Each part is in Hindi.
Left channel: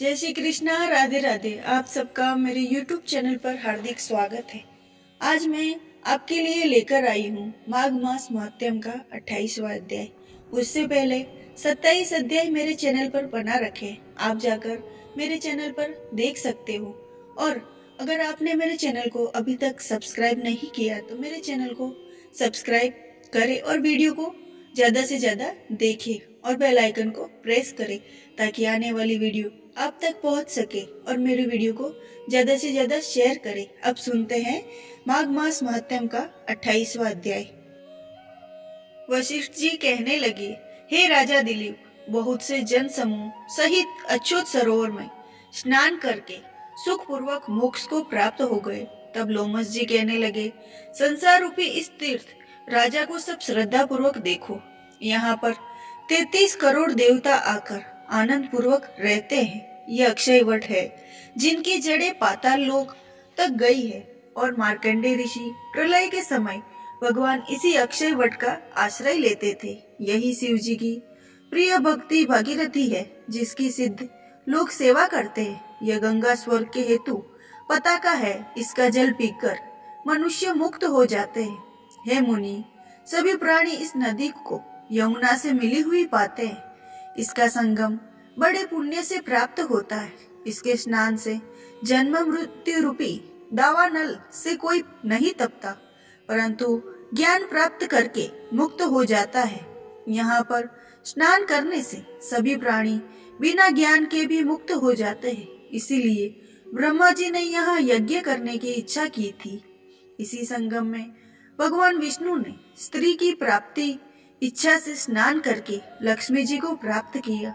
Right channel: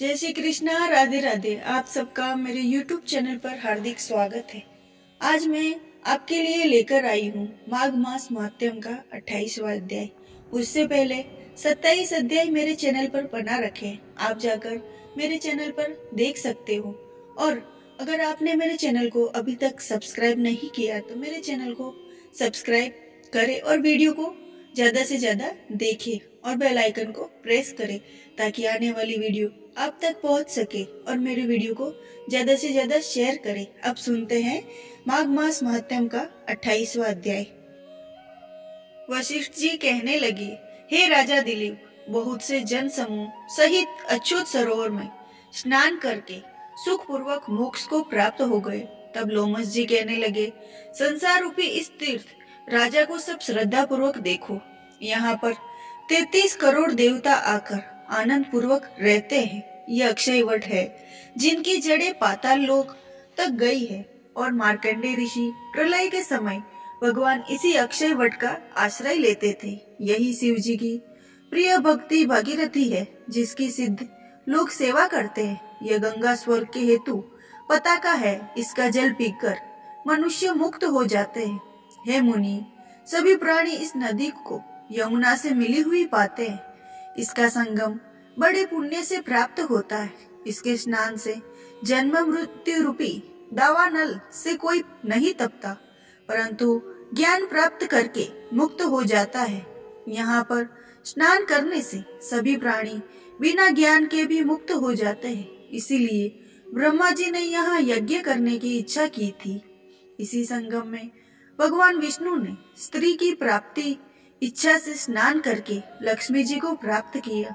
जय श्री कृष्णा, राधे राधे। आप सबका मेरे YouTube चैनल पर हार्दिक स्वागत है। आज मैं आपके लिए लेकर आई हूँ माघ मास महात्म्य का 28वां अध्याय। उससे पहले 27 अध्याय मेरे चैनल पर बना रखे हैं, आप जाकर मेरे चैनल पर देख सकते हो। और अगर आपने मेरे चैनल को अभी तक सब्सक्राइब नहीं किया तो मेरे चैनल को सब्सक्राइब करें और वीडियो को ज्यादा से ज्यादा देखें और बेल आइकन को प्रेस करें ताकि आने वाली वीडियो आप तक पहुंच सके और मेरे वीडियो को ज्यादा से ज्यादा शेयर करें। अब सुनते हैं माघ मास महात्म्य का 28वां अध्याय। वशिष्ठ जी कहने लगे, हे राजा दिलीप, बहुत से जन समूह सहित अच्युत सरोवर में स्नान करके सुख पूर्वक मोक्ष को प्राप्त हो गए। तब लोमस जी कहने लगे, संसार रूपी इस तीर्थ राजा को सब श्रद्धा पूर्वक देखो। यहाँ पर 33 करोड़ देवता आकर आनंद पूर्वक रहते हैं। यह अक्षय वट है जिनकी जड़ें पाताल लोक तक गई है और मार्कंडे ऋषि प्रलय के समय भगवान इसी अक्षय वट का आश्रय लेते थे। यही शिव जी की प्रिय भक्ति भागीरथी है जिसकी सिद्ध लोग सेवा करते हैं। यह गंगा स्वर्ग के हेतु पताका है, इसका जल पीकर मनुष्य मुक्त हो जाते हैं। हे मुनि, सभी प्राणी इस नदी को यमुना से मिली हुई पाते हैं। इसका संगम बड़े पुण्य से प्राप्त होता है। इसके स्नान से जन्म मृत्यु रूपी दावानल से कोई नहीं तपता, परंतु ज्ञान प्राप्त करके मुक्त हो जाता है। यहाँ पर स्नान करने से सभी प्राणी बिना ज्ञान के भी मुक्त हो जाते हैं। इसीलिए ब्रह्मा जी ने यहाँ यज्ञ करने की इच्छा की थी। इसी संगम में भगवान विष्णु ने स्त्री की प्राप्ति इच्छा से स्नान करके लक्ष्मी जी को प्राप्त किया।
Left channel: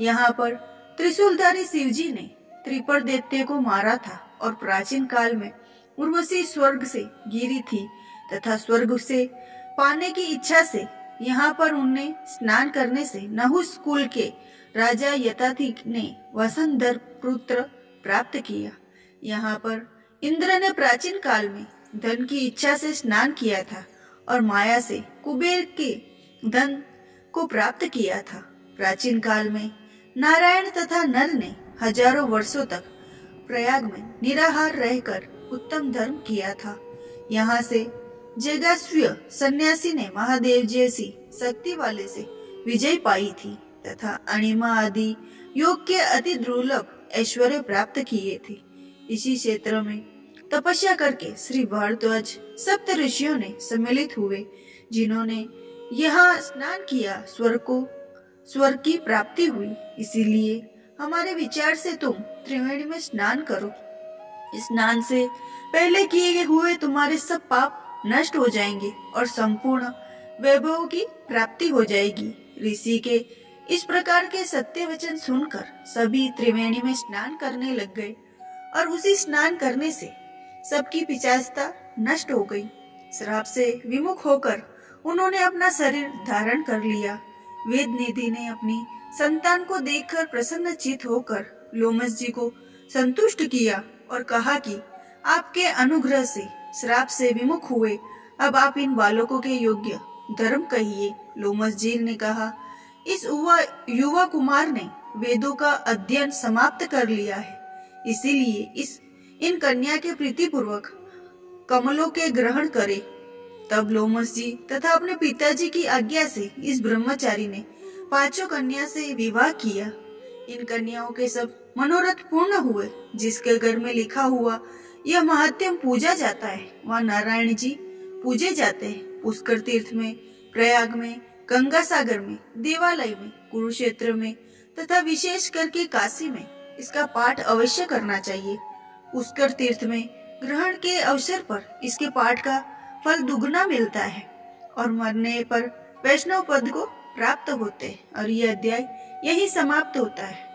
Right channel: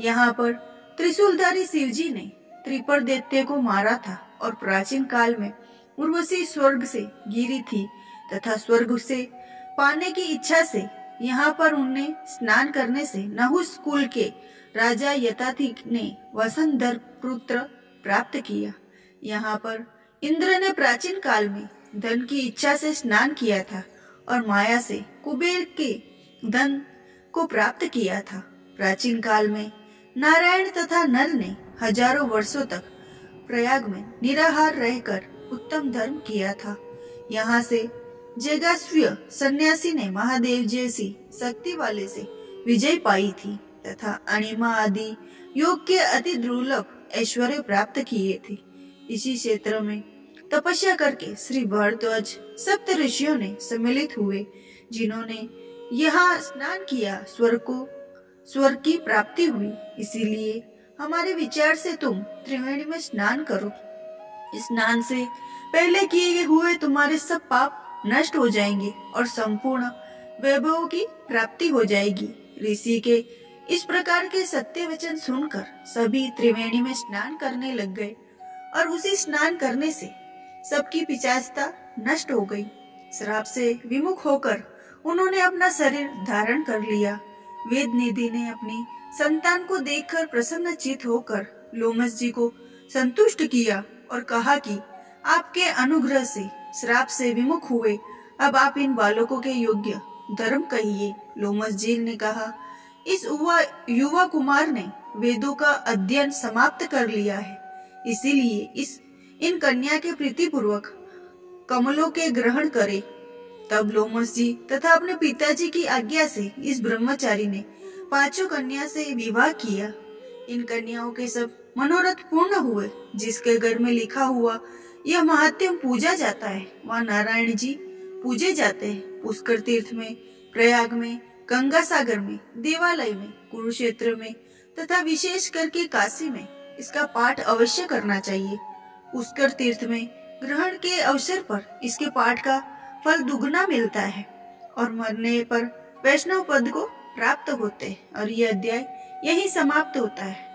यहाँ पर त्रिशूलधारी शिव जी ने त्रिपर दैत्य को मारा था और प्राचीन काल में उर्वशी स्वर्ग से गिरी थी तथा स्वर्ग से पाने की इच्छा से यहाँ पर उन्हें स्नान करने से नहुस कुल के राजा यताति ने वसंधर पुत्र प्राप्त किया। यहाँ पर इंद्र ने प्राचीन काल में धन की इच्छा से स्नान किया था और माया से कुबेर के धन को प्राप्त किया था। प्राचीन काल में नारायण तथा नर ने हजारों वर्षों तक प्रयाग में निराहार रहकर उत्तम धर्म किया था। यहाँ से जगास्वी सन्यासी ने महादेव जैसी शक्ति वाले से विजय पाई थी तथा अणिमा आदि योग के अति दुर्लभ ऐश्वर्य प्राप्त किए थे। इसी क्षेत्र में तपस्या करके श्री भारद्वाज सप्त ऋषियों ने सम्मिलित हुए, जिन्होंने यहाँ स्नान किया, स्वर्ग की प्राप्ति हुई। इसीलिए हमारे विचार से तुम त्रिवेणी में स्नान करो। स्नान से पहले किए हुए तुम्हारे सब पाप नष्ट हो जाएंगे और संपूर्ण वैभव की प्राप्ति हो जाएगी। ऋषि के इस प्रकार के सत्य वचन सुनकर सभी त्रिवेणी में स्नान करने लग गए और उसी स्नान करने से सबकी पिशाचता नष्ट हो गई। श्राप से विमुख होकर उन्होंने अपना शरीर धारण कर लिया। वेद निधि ने अपनी संतान को देखकर प्रसन्नचित होकर लोमस जी को संतुष्ट किया और कहा कि आपके अनुग्रह से श्राप से विमुख हुए, अब आप इन बालकों के योग्य धर्म कहिए। लोमस जी ने कहा, इस युवा कुमार ने वेदों का अध्ययन समाप्त कर लिया है, इसीलिए इन कन्या के प्रीति पूर्वक कमलों के ग्रहण करे। तब लोमस जी तथा अपने पिताजी की आज्ञा से इस ब्रह्मचारी ने 5 कन्या से विवाह किया। इन कन्याओं के सब मनोरथ पूर्ण हुए। जिसके घर में लिखा हुआ यह महात्म्य पूजा जाता है, वहाँ नारायण जी पूजे जाते हैं। पुष्कर तीर्थ में, प्रयाग में, गंगा सागर में, देवालय में, कुरुक्षेत्र में तथा विशेष करके काशी में इसका पाठ अवश्य करना चाहिए। पुष्कर तीर्थ में ग्रहण के अवसर पर इसके पाठ का फल दुगना मिलता है और मरने पर वैष्णव पद को प्राप्त होते हैं। और यह अध्याय यही समाप्त होता है।